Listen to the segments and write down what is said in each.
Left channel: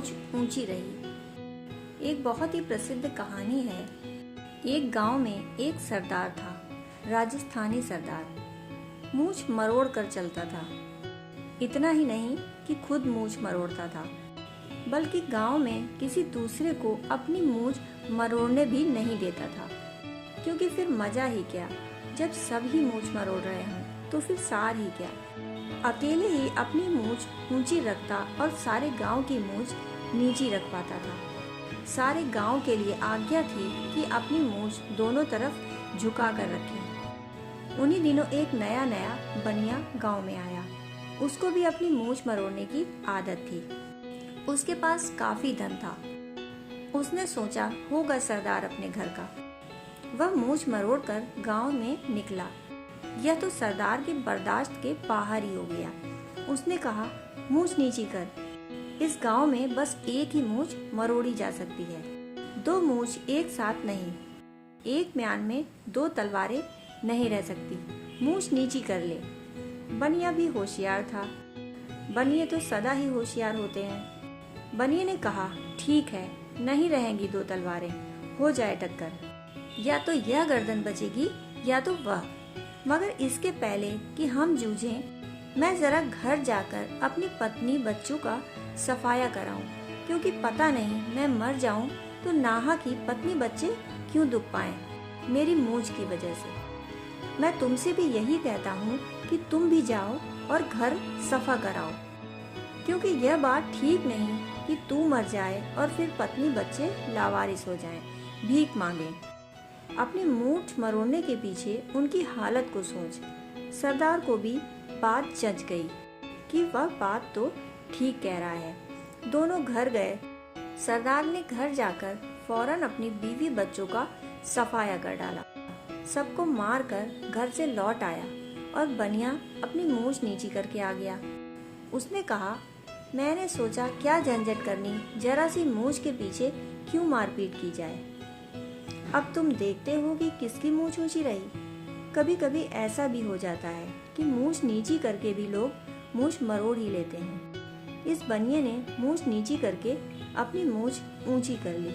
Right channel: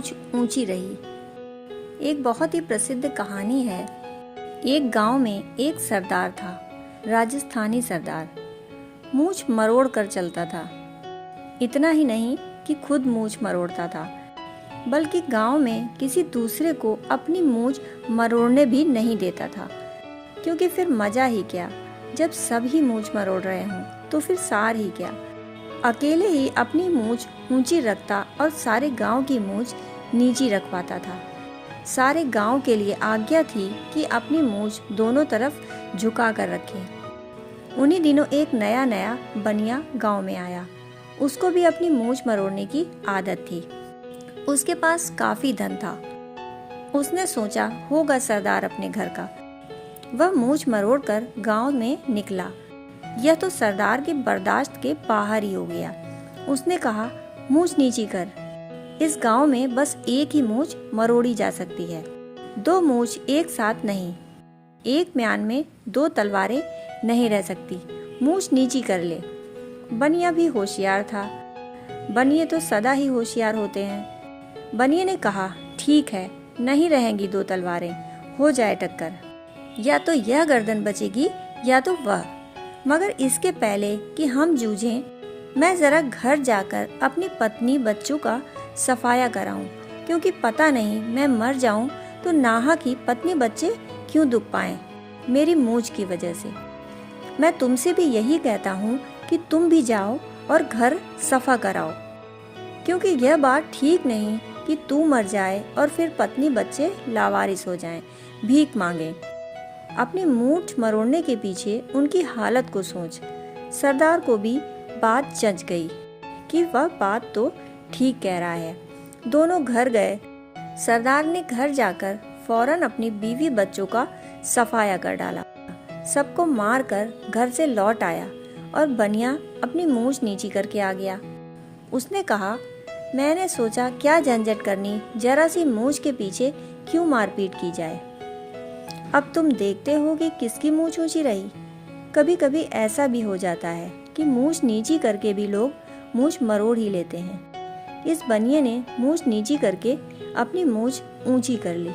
मूंछ ऊंची रही। एक बहुत ही प्रसिद्ध कहानी है। एक गांव में एक सरदार था, राजस्थानी सरदार। मूंछ मरोड़ कर चलता था। इतना ही नहीं कि खुद मूंछ मरोड़ता था, बल्कि गांव में किसी दूसरे को अपनी मूंछ मरोड़ने भी नहीं देता था, क्योंकि फिर मजा ही क्या। जब सब ही मूंछ मरोड़ रहे हों तो फिर सार ही क्या। अकेले ही अपनी मूंछ ऊंची रखता और सारे गांव की मूंछ नीची रखवाता था। सारे गांव के लिए आज्ञा थी कि अपनी मूंछ दोनों तरफ झुका कर रखें। उन्हीं दिनों एक नया नया बनिया गांव में आया। उसको भी अपनी मूंछ मरोड़ने की आदत थी। उसके पास काफी धन था। उसने सोचा होगा सरदार अपने घर का। वह मूंछ मरोड़ कर गांव में निकला। यह तो सरदार के बर्दाश्त के बाहर ही हो गया। उसने कहा, मूंछ नीची कर। इस गांव में बस एक ही मूंछ मरोड़ी जा सकती है, दो मूंछ एक साथ नहीं। एक म्यान में दो तलवारें नहीं रह सकती। मूंछ नीची कर ले। बनिया भी होशियार था। बनिए तो सदा ही होशियार होते हैं। बनिए ने कहा, ठीक है, नहीं रहेंगी दो तलवारें, हो जाए टक्कर। या तो यह गर्दन बचेगी या तो वह। मगर इसके पहले कि हम जूझें, मैं जरा घर जाकर अपनी पत्नी बच्चों का सफाया कराऊं, क्योंकि पता नहीं मैं मर जाऊं तो नाहक ही पत्नी बच्चे क्यों दुख पाएं मेरी मूंछ की वजह से। मैं तुमसे भी यही कहता हूं कि तुम भी जाओ और घर सफा कराओ, क्योंकि यह बात ठीक नहीं कि तू मर जाए और फिर पत्नी बच्चे लावारिस हो जाएं, भीख मांगे। अपनी मूंछ मरोड़ने के पीछे उनकी हालत को सोच। सरदार को भी बात जच गई कि वह बात तो ठीक कह रहा है। दोनों घर गए। सरदार ने घर जाकर फौरन अपनी बीवी बच्चों का सफाया कर डाला। सबको मार कर घर से लौट आया और बनिया अपनी मूंछ नीची करके आ गया। उसने कहा, मैंने सोचा क्या झंझट करनी, जरा सी मूंछ के पीछे क्यों मारपीट की जाए। अब तुम देखते हो कि किसकी मूंछ ऊंची रही। कभी कभी ऐसा भी हो जाता है कि मूंछ नीची करके भी लोग मूंछ मरोड़ ही लेते हैं। इस बनिए ने मूंछ नीची करके अपनी मूंछ ऊंची कर ली।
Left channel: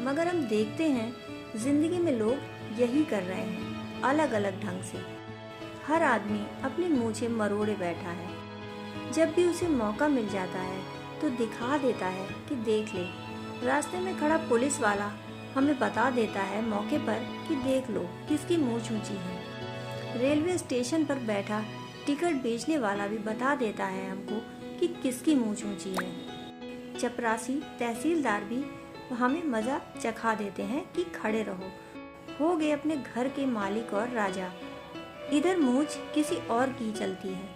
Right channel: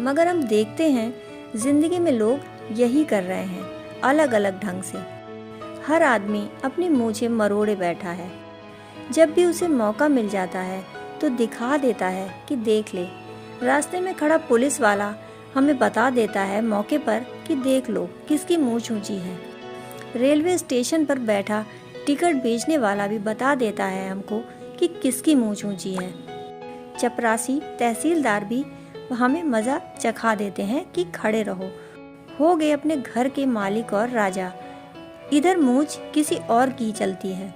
मगर हम देखते हैं जिंदगी में लोग यही कर रहे हैं, अलग अलग ढंग से। हर आदमी अपनी मूंछें मरोड़े बैठा है। जब भी उसे मौका मिल जाता है तो दिखा देता है कि देख ले। रास्ते में खड़ा पुलिस वाला हमें बता देता है मौके पर कि देख लो किसकी मूंछ ऊंची है। रेलवे स्टेशन पर बैठा टिकट बेचने वाला भी बता देता है हमको कि किसकी मूंछ ऊंची है। चपरासी तहसीलदार भी हमें मजा चखा देते हैं कि खड़े रहो, हो गए अपने घर के मालिक और राजा। इधर मूंछ किसी और की चलती है।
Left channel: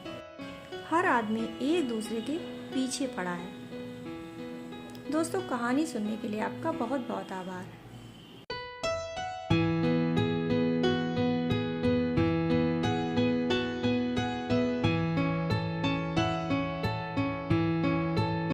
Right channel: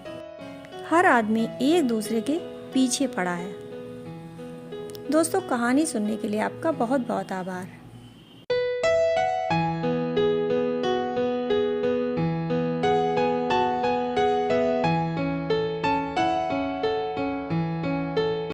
हर आदमी एक दूसरे के पीछे पड़ा है। दोस्तों, कहानी सुनने के लिए आपका बहुत बहुत आभार।